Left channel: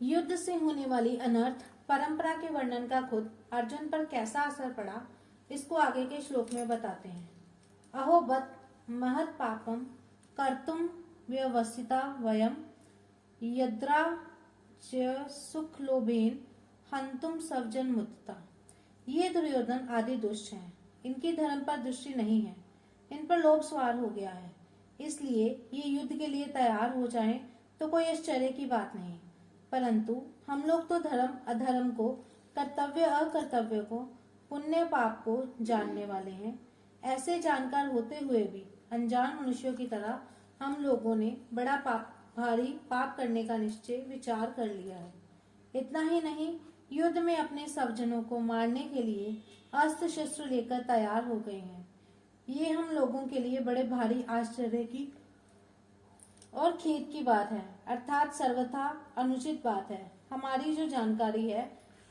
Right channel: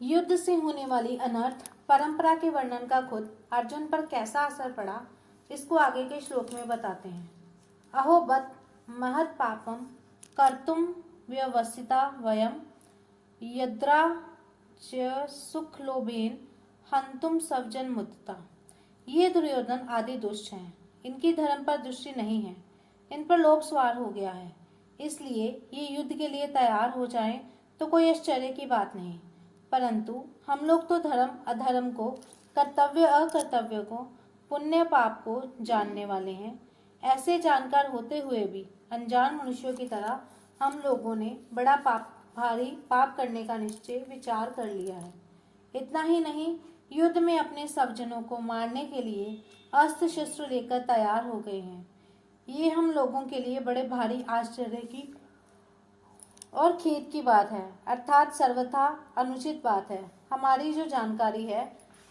युद्ध से होने वाली अनर्थ परंपरा के वर्णन का खुद अर्जुन पर कैसा असर पड़ा, इसको आगे के श्लोक में बताते हैं। अहो बत महत् पापम कर्तुम व्यवसिता वयम यद्रा च सुख लोभेन हंतुम सवजन मुत्ता। ये दुर्योधन आदि दुष्ट हैं, इनकी धर्म पर दृष्टि नहीं है, इन पर लोभ सवार हो गया है, इसलिए ये युद्ध के लिए तैयार हो जाएं तो कोई आश्चर्य की बात नहीं। परंतु हम लोग तो धर्म अधर्म को, कर्तव्य अकर्तव्य को, पुण्य पाप को जानने वाले हैं। ऐसे जानकार होते हुए भी अनजान मनुष्यों की तरह हम लोगों ने बड़ा भारी पाप करने का निश्चय विचार कर लिया है। इतना ही नहीं, युद्ध में अपने स्वजनों को मारने के लिए अस्त्र शस्त्र लेकर तैयार हो गए हैं। ये हम लोगों के लिए बड़े भारी आश्चर्य की और खेद की बात है, अर्थात सर्वथा अनुचित बात है। हमारी जो जानकारी है,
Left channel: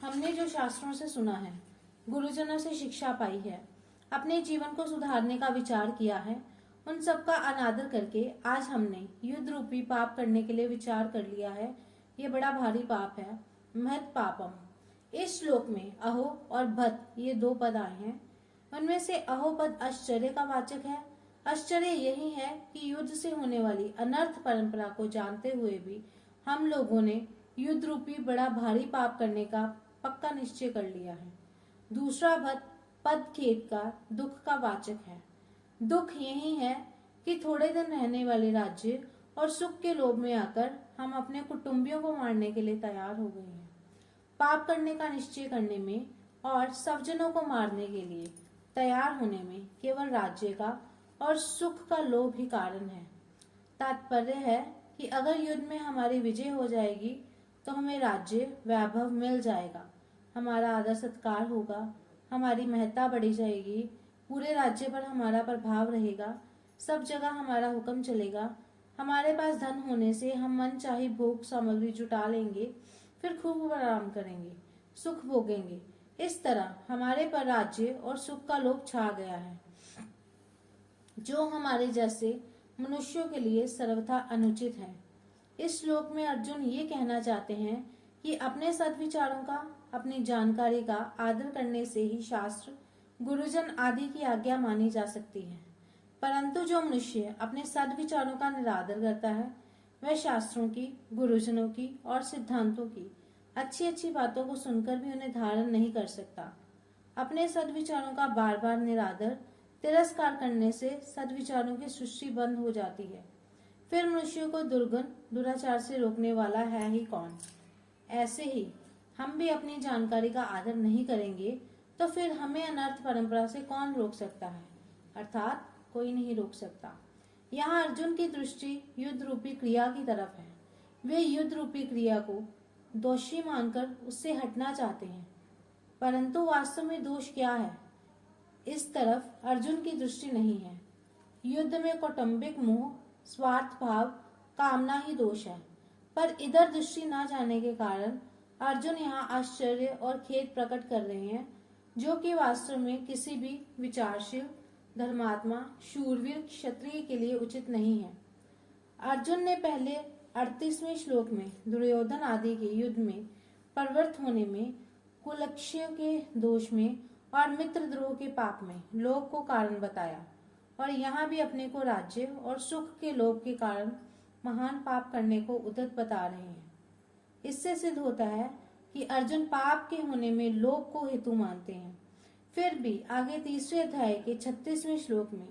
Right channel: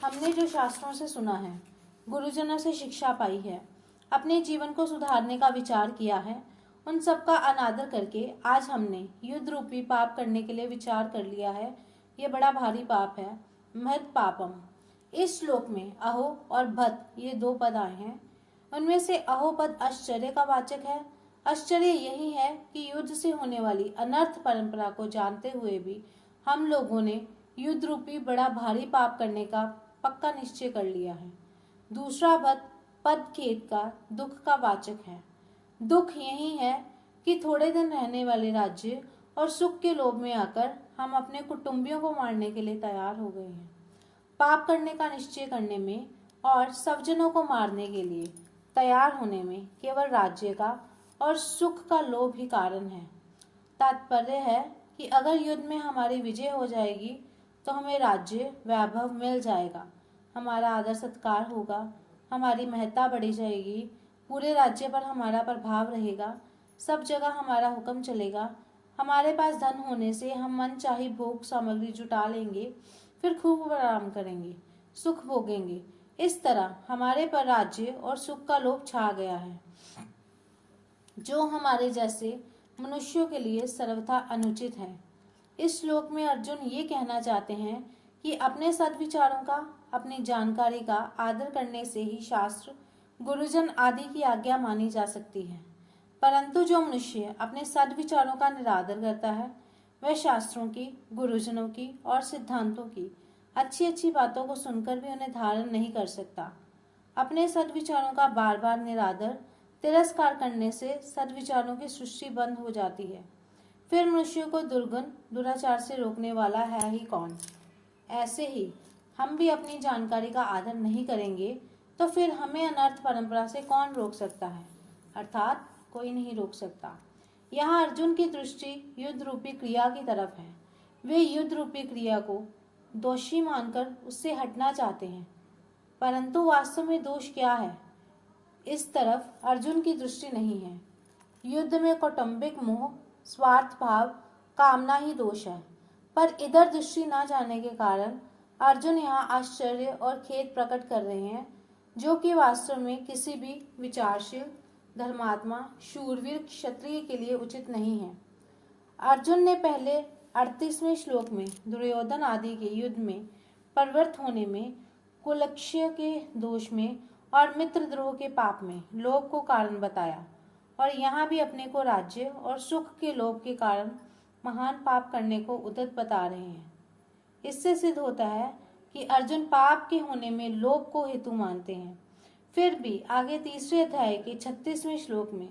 हमने जो शास्त्रों से सुना है, गुरुजनों से शिक्षा पाई है, अपने जीवन को सुधारने का विचार किया है, उन सब का अनादर करके आज हमने युद्ध रूपी पाप करने के लिए विचार कर लिया है। ये बड़ा भारी पाप है, महत् पापम। इस श्लोक में अहो और भत ये दो पद आए हैं। उनमें से अहो पद आश्चर्य का वाचक है। आश्चर्य यही है कि युद्ध से होने वाली अनर्थ परंपरा को जानते हुए भी हम लोगों ने युद्ध रूपी बड़ा भारी पाप करने का पक्का निश्चय कर लिया है। दूसरा पद खेद का, दुख का वाचक है। दुख यही है कि थोड़े दिन रहने वाले राज्य और सुख के लोभ में आकर हम अपने कुटुंबियों को मारने के लिए तैयार हो गए हैं। पाप करने का निश्चय करने में और स्वजनों को मारने के लिए तैयार होने में केवल राज्य का और सुख का लोभ ही कारण है। तात्पर्य है कि अगर युद्ध में हमारी विजय हो जाएगी तो हमें राज्य वैभव मिल जाएगा, हमारा आदर सत्कार होगा, हमारी महत्ता बढ़ी जाएगी, पूरे राज्य पर हमारा प्रभाव रहेगा, सब जगह हमारा हुक्म चलेगा, हमारे पास धन होने से हम मन चाही भोग सामग्री जुटा लेंगे, फिर खूब आराम करेंगे, सुख भोगेंगे। इस तरह हमारे पर राज्य और सुख का लोभ छा गया है, जो हमारे जैसे मनुष्यों के लिए सर्वथा अनुचित है। इस श्लोक में अर्जुन ये कहना चाहते हैं कि अपने सद्विचारों का, अपनी जानकारी का आदर करने से ही शास्त्र, गुरुजन आदि की आज्ञा मानी जा सकती है। परंतु जो मनुष्य अपने सद्विचारों का निरादर करता है, वह शास्त्रों की, गुरुजनों की और सिद्धांतों की अच्छी अच्छी बातों को सुनकर भी उन्हें धारण नहीं कर सकता। अपने सद्विचारों का बार बार निरादर, तिरस्कार करने से सद्विचारों की सृष्टि बंद हो जाती है। फिर मनुष्यों को दुर्गुण दुराचार से रोकने वाला है ही कौन। ऐसे ही हम भी अपनी जानकारी का आदर नहीं करेंगे तो फिर हमें अनर्थ परंपरा से कौन रोक सकता है, अर्थात कोई नहीं रोक सकता। यहाँ अर्जुन की दृष्टि युद्ध रूपी क्रिया की तरफ है। वे युद्ध रूपी क्रिया को दोषी मानकर उससे हटना चाहते हैं, परंतु वास्तव में दोष क्या है, इस तरफ अर्जुन की दृष्टि नहीं है। युद्ध में कौटुंबिक मोह, स्वार्थ भाव, कामना ही दोष है, पर इधर दृष्टि न जाने के कारण अर्जुन यहाँ आश्चर्य और खेद प्रकट कर रहे हैं, जो कि वास्तव में किसी भी विचारशील, धर्मात्मा, शूरवीर क्षत्रिय के लिए उचित नहीं है। अर्जुन ने पहले 38वें श्लोक में दुर्योधन आदि के युद्ध में प्रवृत्त होने में, कुलक्ष्य के दोष में और मित्रद्रोह के पाप में लोभ को कारण बताया, और यहाँ भी अपने को राज्य और सुख के लोभ के कारण महान पाप करने को उद्यत बता रहे हैं। इससे सिद्ध होता है कि अर्जुन पाप के होने में लोभ को हेतु मानते हैं। फिर भी आगे तीसरे अध्याय के 36वें श्लोक में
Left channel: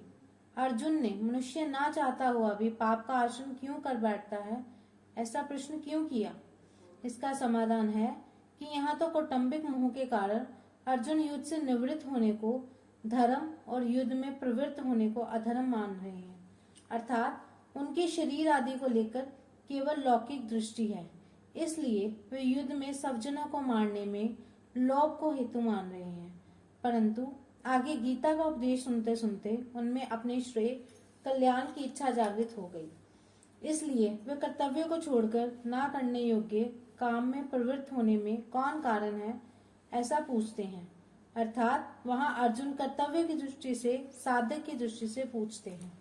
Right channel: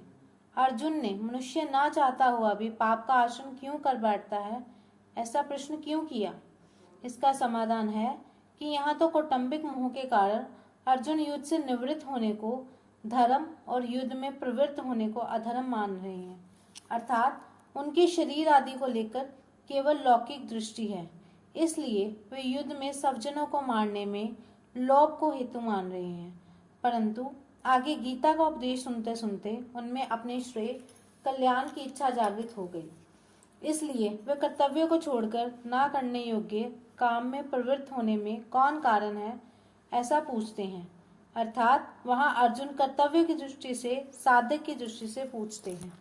अर्जुन ने मनुष्य ना चाहता हुआ भी पाप का आश्रम क्यों कर बैठता है, ऐसा प्रश्न क्यों किया। इसका समाधान है कि यहाँ तो कौटुंबिक मोह के कारण अर्जुन युद्ध से निवृत्त होने को धर्म और युद्ध में प्रवृत्त होने को अधर्म मान रहे हैं, अर्थात उनके शरीर आदि को लेकर केवल लौकिक दृष्टि है, इसलिए वे युद्ध में स्वजनों को मारने में लोभ को हेतु मान रहे हैं। परंतु आगे गीता का उपदेश सुनते सुनते उनमें अपने श्रेय कल्याण की इच्छा जागृत हो गई, इसलिए वे कर्तव्य को छोड़कर ना करने योग्य काम में प्रवृत्त होने में कौन कारण है, ऐसा पूछते हैं। अर्थात वहां अर्जुन कर्तव्य की दृष्टि से, साधक की दृष्टि से पूछते हैं।